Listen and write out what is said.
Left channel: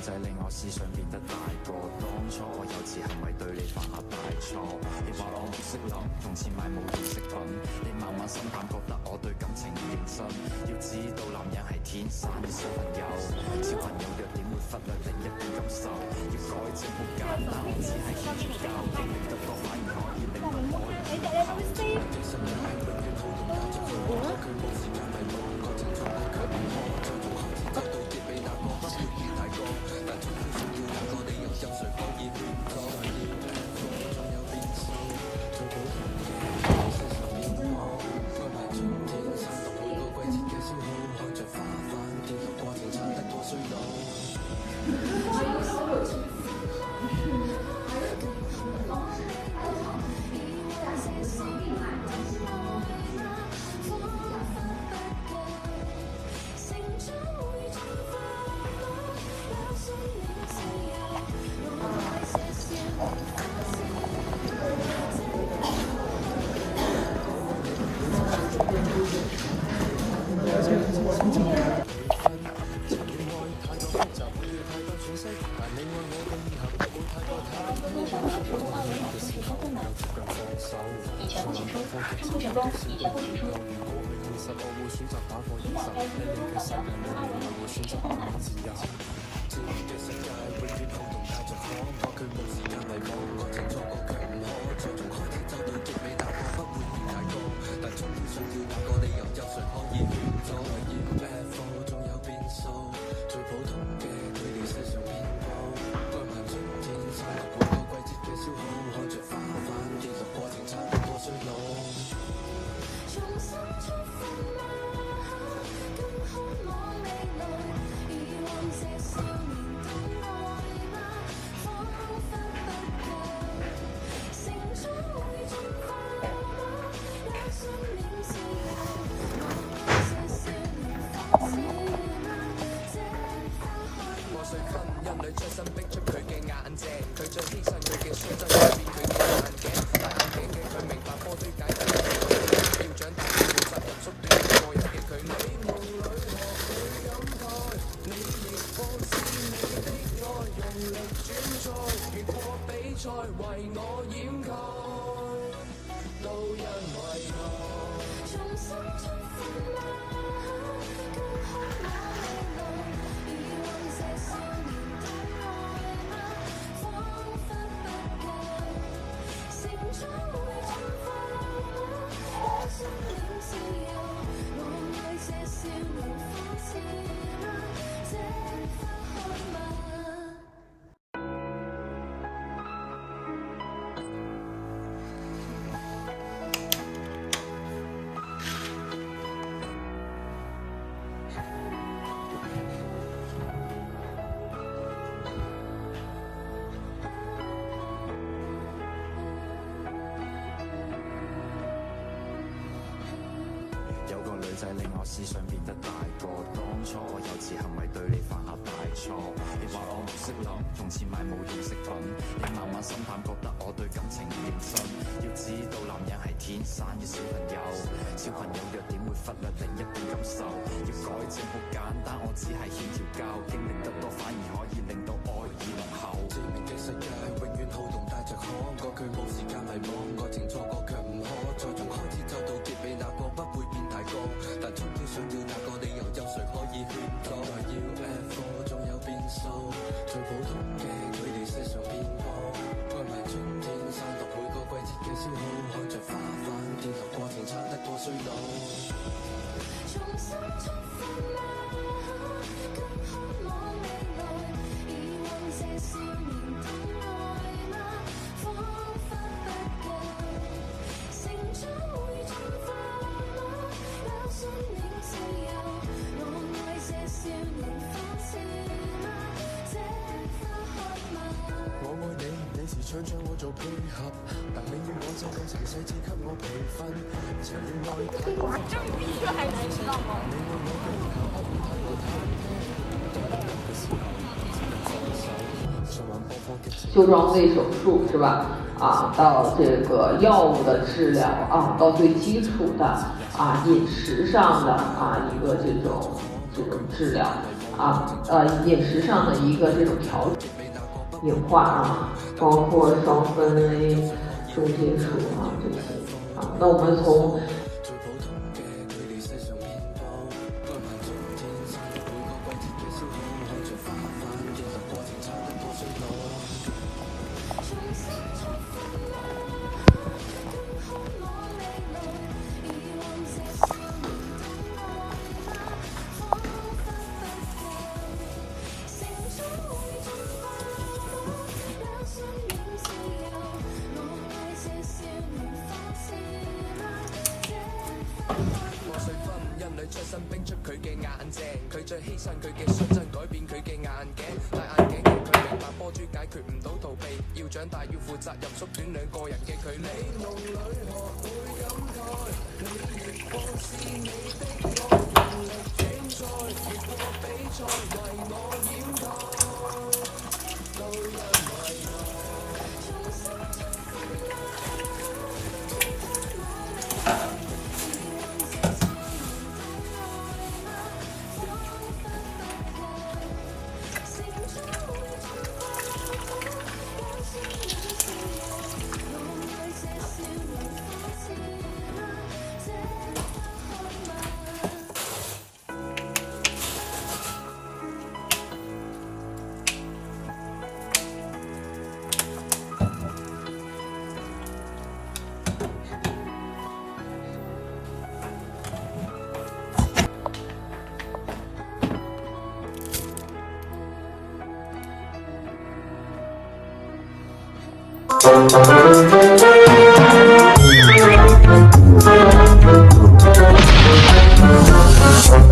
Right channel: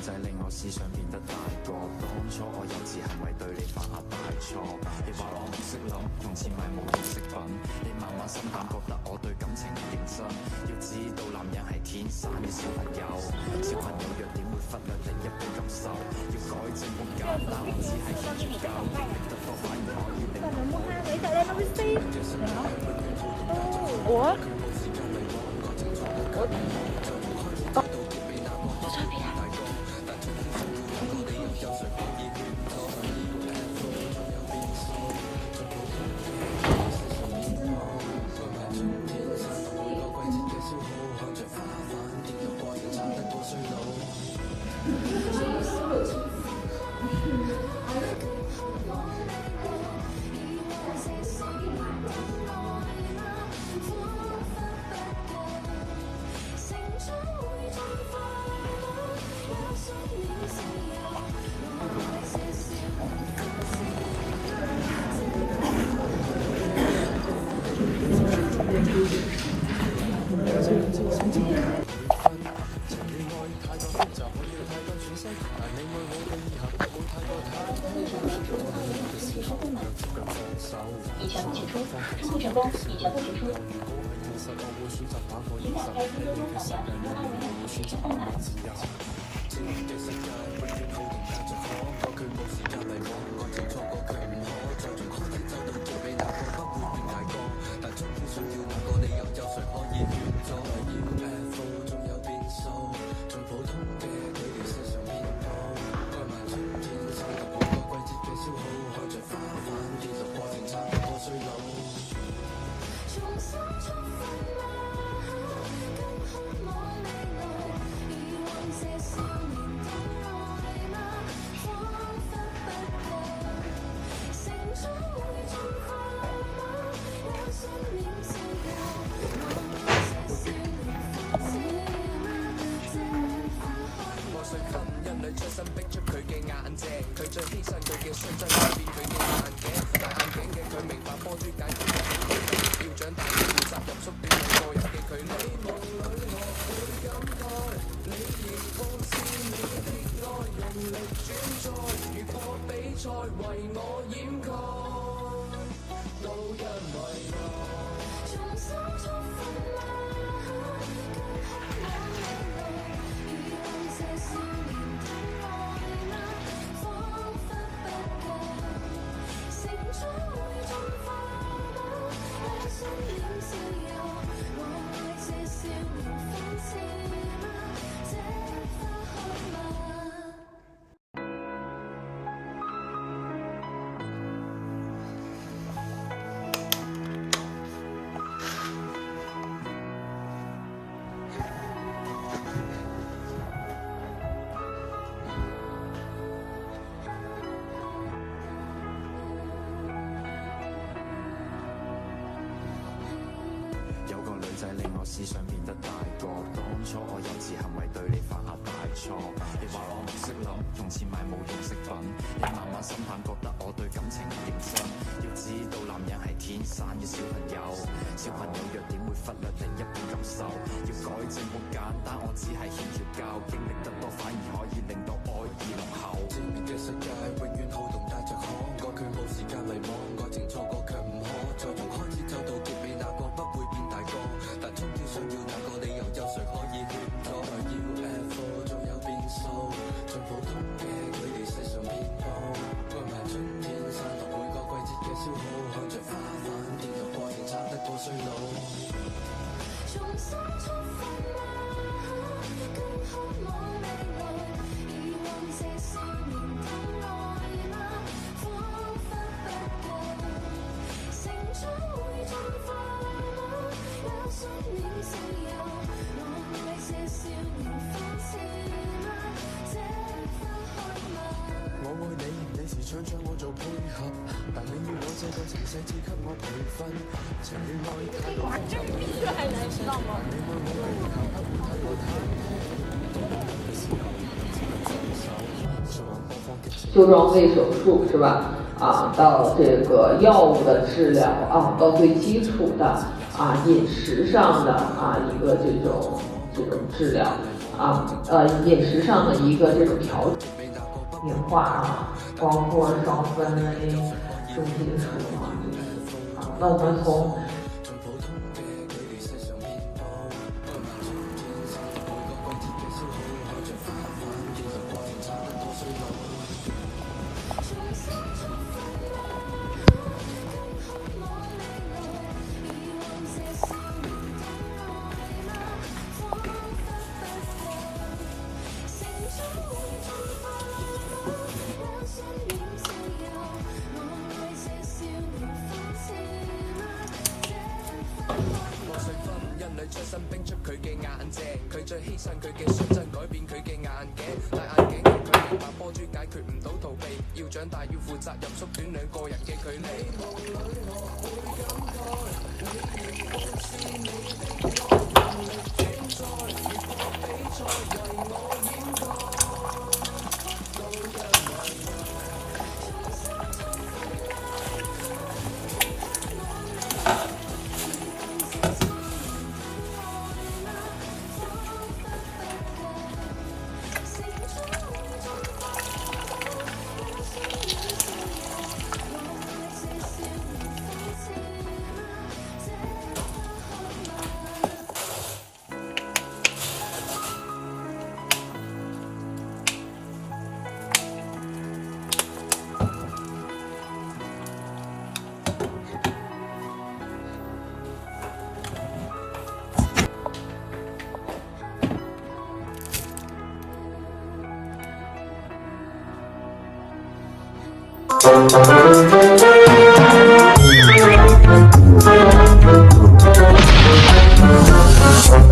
仔令我思想變得大個，當初我幼稚行為對你犯下大錯。你話我唔識諗，用錢買冇用飾品，你慢慢心淡，覺得我對感情唔認真。要知道男人係天生嘅小朋友，小朋友弱點會忽略另一半感受。要改正好簡單，我只係欠條教，經歷得多反而可以令到我以後。我。以前的解说，生命成功，以前不读书。我會選擇打破現實，喺你嘅世界裏面，我會選擇慢慢自由。自然嘅世界永遠好動帶着可，過去冇時間迷惘，愛情錯過卻唔可，再從開始走到結尾，那個不會變大個，但終於想要那個理由，有誰可以勸阻？要 UFO 仲有變數，最普通嘅佢哋世上遍佈，愛漫春天散落每個季節嘅消耗，看着花瓣跌落過程差得過衰老。重新出發嗎？更渴望未來，以往這少年的愛嗎？彷彿不夠，成長會進化嗎？也信念自由，我愛這少年方式嗎？這花開破碎婚姻裏出生逼出佢嘅眼睛，佢最犧牲佢嘅率真改變佢嘅眼鏡，戴眼鏡嘅佢明白波珠解決嘅要長大要負責任，縮短個人嘅距離。夢裏學會感慨，你亦放肆你的愛，用力轉載，越過比賽為我掩蓋，都因為愛。重新出發嗎？更渴望未來，以往這少年的愛嗎？彷彿不夠，成長會進化嗎？也信念自由，我愛這少年方式嗎？這花開嗎？有個女仔令我思想變得大個，當初我幼稚行為對你犯下大錯。你話我唔識諗，用錢買冇用飾品，你慢慢心淡，覺得我對感情唔認真。要知道男人係天生嘅小朋友，小朋友弱點會忽略另一半感受。要改正好簡單，我只係欠條教，經歷得多反而可以令到愛意濃厚。正面嘅世界永遠好動帶着可，過去冇時間迷惘，愛情錯過卻唔可，再從開始走到結尾，那個不會變大個，但終於想要那個理由，有誰可以勸阻？要 UFO 仲有變數，最普通嘅佢哋世上遍佈，愛漫春天散落每個季節嘅消耗，看着花瓣跌落過程差得過衰老。重新出發嗎？更渴望未來，以往這少年的愛嗎？彷彿不夠，成長會進化嗎？也信念自由，我愛這少年方式嗎？這花開嗎？我愛你，你時常將我做配合，但你要我這個情細緻給我培訓，情與愛太過複雜，我要太細心，但你愛我嘅以後不會太過忐忑，當擁有嘅時候接近放手，循環播放激情。修裝胃手術是吧？啊，到這個藥物的治療啊，到最基礎的啊飲食上的啊一個這種这种治疗饮食上的一个这种调整演化啊，包括双酚 A、重金属这些那我们从出身冰出佢嘅眼鏡，佢最犧牲佢嘅率真改變佢嘅眼鏡，戴眼鏡嘅佢明白波珠解決唔到逃避，要長大要負責任，縮短兩個人嘅距離。夢裏學會感慨，你越放肆你的愛，能力競賽，越過比賽，為我掩蓋，都因為重新出發啦。Thank you.